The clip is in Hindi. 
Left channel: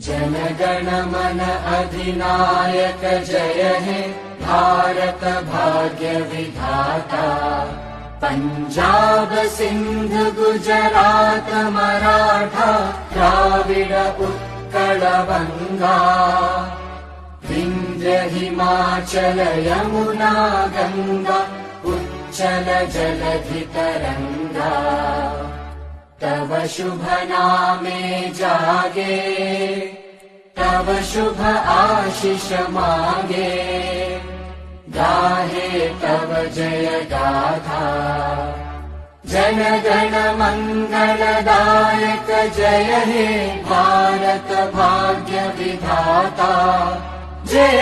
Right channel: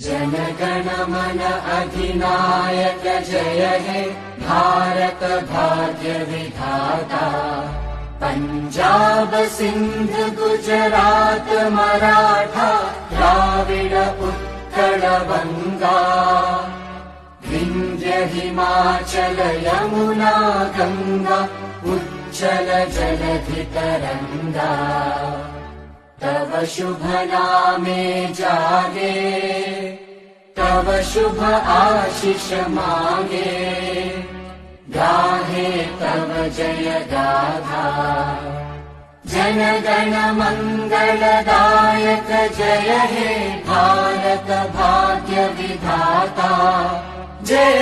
जनगण मन अधिनायक जय हे भारत भाग्य विधाता। पंजाब सिंध गुजरात मराठा द्राविड उत्कल बंगा। विंध्य हिमाचल यमुना गंगा उच्चल जलधि तरंगा। तव शुभ नामे जागे तव शुभ आशीष मांगे। गाहे तव जय गाथा जन गण मंगलदायक जय हे भारत भाग्य विधाता। जय